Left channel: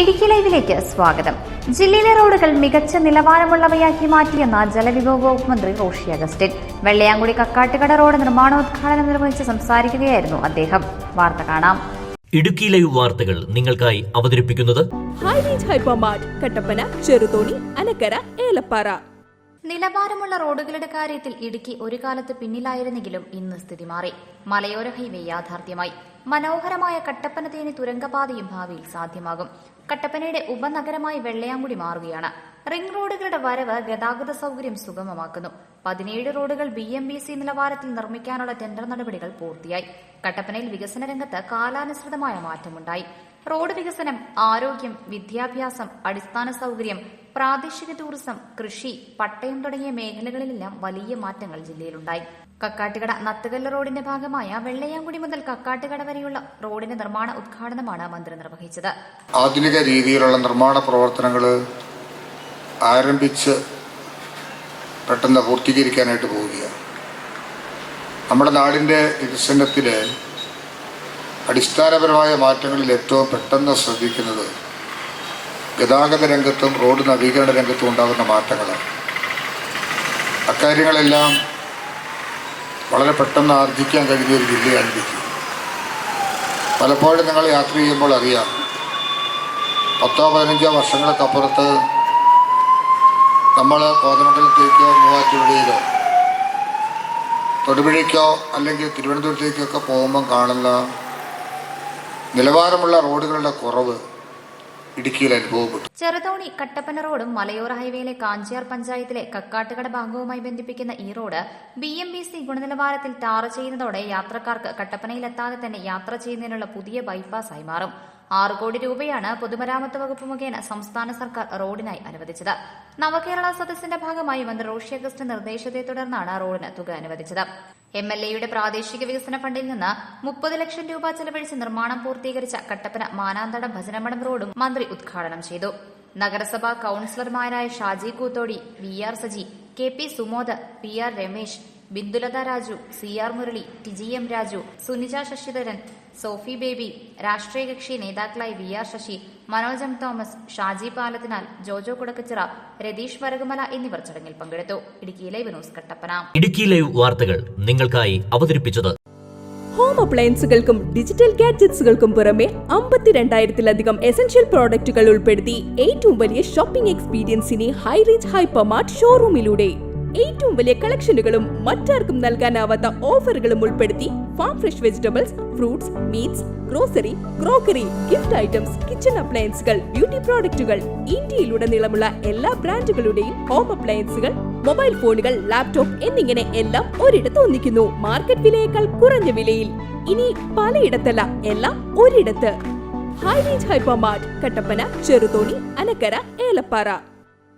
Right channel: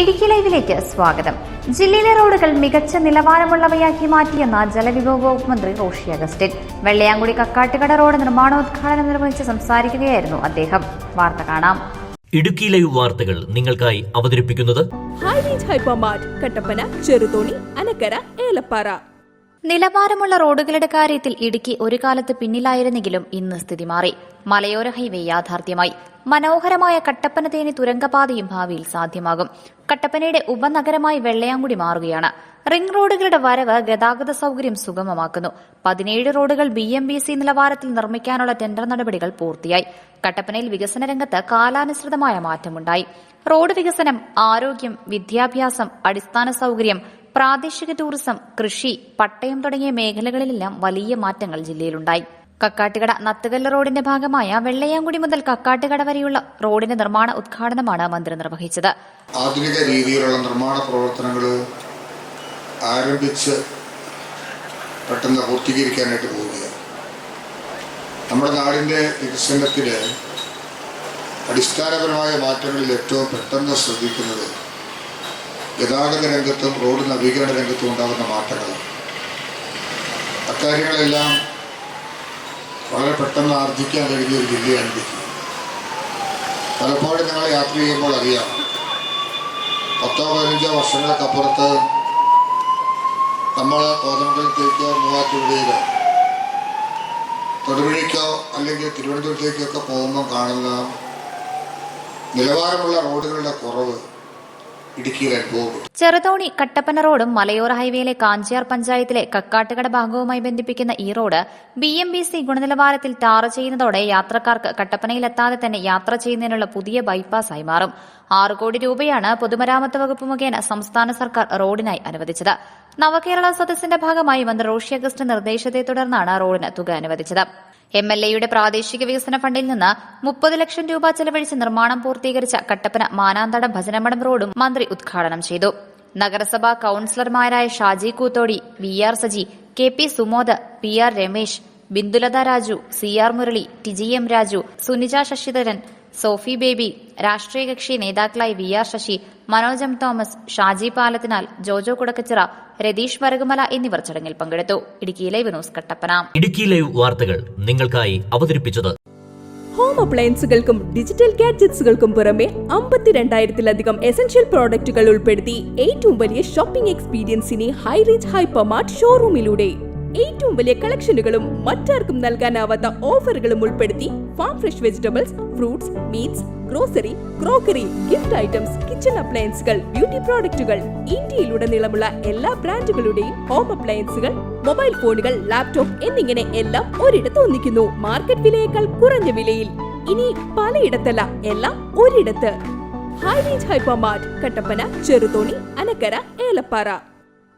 ഇടുക്കി ലൈവിലേക്ക് സ്വാഗതം. ജില്ലയിലെ റോഡുകൾ മികച്ച നിലവാരമുള്ളവയാക്കി മാറ്റിയെന്ന ജലവിഭവ വകുപ്പ് മന്ത്രി റോഷി അഗസ്റ്റിൻ. വെള്ളയാങ്കുടി കക്കാട്ടുകട റോഡ് നിർമ്മാണോദ്ഘാടനം നിർവഹിച്ച് സംസാരിക്കുകയായിരുന്നു അദ്ദേഹം. വാർത്ത കാണാം. ഇടുക്കി ലൈവ് വാർത്തകൾ നിങ്ങൾക്കായി അവതരിപ്പിക്കുന്നത് ഹൈറേഞ്ച് ഹൈപ്പർമാർട്ട്, കട്ടപ്പന, ചെറുതോണി, അനക്കര, ഏലപ്പാറ. നിലവാരമുള്ള റോഡുകളുടെ കാര്യത്തിൽ ഇടുക്കി ഒരു കാലത്ത് പിന്നിലായിരുന്നെങ്കിലും ഇന്ന് സ്ഥിതി മാറി. മലയോര ഹൈവേ യാഥാർത്ഥ്യമായി. മനോഹരമായ കട്ടപ്പന തേനി തുരങ്കപാതയും ഭാവിയിൽ സാധ്യമാകും. കട്ടപ്പനയുടെ ഉപനഗരമായി വെള്ളയാങ്കുടി മാറുകയാണ്. റിംഗ് റോഡുകളുടെ വരവ് ഗതാഗത സൌകര്യം സുഗമമാക്കുന്നു. 17 റോഡുകൾ BMBC നിലവാരത്തിൽ നിർമ്മിക്കാനുള്ള ടെൻഡർ നടപടികൾ പൂർത്തിയായി. കട്ടപ്പനയിൽ വികസന രംഗത്ത് കാലാനുസൃതമായ മാറ്റമുണ്ടായി. റോഡ് വികസനം, ആരോഗ്യം, വിദ്യാഭ്യാസം, അടിസ്ഥാന സൌകര്യം, പ്രാദേശിക ടൂറിസം, കൃഷി, പട്ടയം തുടങ്ങിയ മേഖലകളിലെല്ലാം വലിയ മാറ്റങ്ങൾ ജില്ലയിലുണ്ടായി. കക്കാട്ടുകട നത്തുകല്ല് റോഡിന്റെ ഭാഗമായ വെള്ളയാങ്കുടി മുതൽ കക്കാട്ടുകട വരെയുള്ള റോഡിന്റെ നിർമ്മാണ ഉദ്ഘാടനമാണ് മന്ത്രി നിർവഹിച്ചത്. ആധുനിക രീതിയിലുള്ള നിർമ്മാണ പ്രവർത്തനങ്ങൾ ആരംഭിച്ച് പെട്ടെന്ന് പൂർത്തീകരിക്കാനായിട്ട് പോവുകയാണ്. നമ്മുടെ നാടിന്റെ വികസനത്തിലെ അടിസ്ഥാനപരമായ മാറ്റങ്ങളിൽ ഏറ്റവും പെട്ടെന്ന് ശ്രദ്ധിക്കുന്നത് ഗതാഗത രംഗത്തും റോഡ് നവീകരണ രംഗത്തും ഉണ്ടാകുന്ന മാറ്റങ്ങളാണ്. അക്കാര്യങ്ങളെല്ലാം വളരെ പെട്ടെന്ന് ആർജിക്കാൻ കഴിയുന്ന ഒരു ജില്ലയാണ് ഇടുക്കി. പലപ്പോഴും നിങ്ങൾ യാത്ര ചെയ്യുമ്പോൾ അറിയാം, 10-15 വർഷങ്ങൾക്കപ്പുറത്ത് നമ്മൾ കോതമംഗലത്തേക്കോ മൂവാറ്റുപുഴയിലോ തൊടുപുഴയ്ക്കോ അല്ലെങ്കിൽ തിരുവനന്തപുരത്തേക്കൊക്കെ പോകുമ്പോൾ കാണുന്ന നിലവാരമുള്ള റോഡുകളുടെ കുറവ് ഇടുക്കിയിൽ അനുഭവപ്പെട്ടു. ചെറുതോണി കട്ടപ്പന റോഡും മലയോര ഹൈവേയിലെ കാഞ്ചിയാർ പഞ്ചായത്തിലെ കക്കാട്ടുകട ഭാഗവുമായി ബന്ധിപ്പിക്കുന്ന ഈ റോഡ് BMBC ഗുണനിലവാരത്തിൽ ടാർ ചെയ്യുന്നതോടെ യാത്രക്കാർക്ക് കട്ടപ്പനയിലെത്താതെ തന്നെ യാത്ര ചെയ്യുന്നതിനുള്ള പുതിയ ബൈപ്പാസായി മാറും. 6 കോടി രൂപയാണ് പൊതുമരാമത്ത് വകുപ്പ് മുഖേന സംസ്ഥാന സർക്കാർ റോഡിനായി അനുവദിച്ചത്. നവകേരള സദസ്സിന്റെ ഭാഗമായി മന്ത്രി റോഷി അഗസ്റ്റിൻ നിർദ്ദേശത്തെ തുടർന്നാണ് റോഡിന് തുക അനുവദിച്ചത്. MLAയുടെ പ്രാദേശിക വികസന ഫണ്ടിൽ നിന്ന് 30 ലക്ഷം രൂപ ചെലവഴിച്ച് നിർമ്മാണം പൂർത്തീകരിച്ച കട്ടപ്പന മാനാന്തടം ഭജനമഠം റോഡും മന്ത്രി ഉദ്ഘാടനം ചെയ്തു. നഗരസഭാ കൌൺസിലർമാരായ Shaji Koothodi, VR Saji, KP Sumod, PR Ramesh, Bindulatha Raju, CR Murali, TGM Raju, Sunija Sasidharan, Sophy Baby, രാഷ്ട്രീയ കക്ഷി നേതാക്കളായി VR ശശി, മനോജ് തോമസ്, ഷാജി പാലത്തിനാൽ, ജോജോ കുടക്കച്ചിറ, രതീഷ് വരകുമല എന്നിവർ ചടങ്ങിൽ പങ്കെടുത്തു. Idukki live news Kattappana. Idukki live വാർത്തകൾ നിങ്ങൾക്കായി അവതരിപ്പിച്ചത് ഹോം അപ്ലയൻസുകൾക്കും ഡിജിറ്റൽ ഗാഡ്ജറ്റ്സുകൾക്കും പുറമെ 52,000-ലധികം എസൻഷ്യൽ പ്രോഡക്റ്റുകൾ ഉൾപ്പെടുത്തി ഏറ്റവും വലിയ ഷോപ്പിംഗ് എക്സ്പീരിയൻസിനെ ഹൈറേഞ്ച് ഹൈപ്പർമാർട്ട് ഷോറൂമിലൂടെ ഏറ്റവും വലിയ കളക്ഷനുകളും മറ്റാർക്കും നൽകാനാവാത്ത ഓഫറുകളും ഉൾപ്പെടുത്തി farm fresh vegetables, fruits, meats, grocery, crockery, gift items, kitchen അപ്ലയൻസുകൾ, ബ്യൂട്ടി പ്രോഡക്റ്റുകൾ, ഇന്ത്യയിലുടനീളമുള്ള എല്ലാ ബ്രാൻഡുകളുടെയും ഹോം അപ്ലയൻസുകൾ, മൊബൈൽ ഫോണുകൾ, ലാപ്ടോപ്പ് എന്നിങ്ങനെ എല്ലാം ഒരിടത്ത് ഒന്നിക്കുന്നു. മാർക്കറ്റ് വിലയേക്കാൾ കുറഞ്ഞ വിലയിൽ. ഇനി പലയിടത്തല്ല, എല്ലാം ഒരിടത്ത്. High range hypermart, Kattappana, Cheruthoni, Anakkara, Elappara.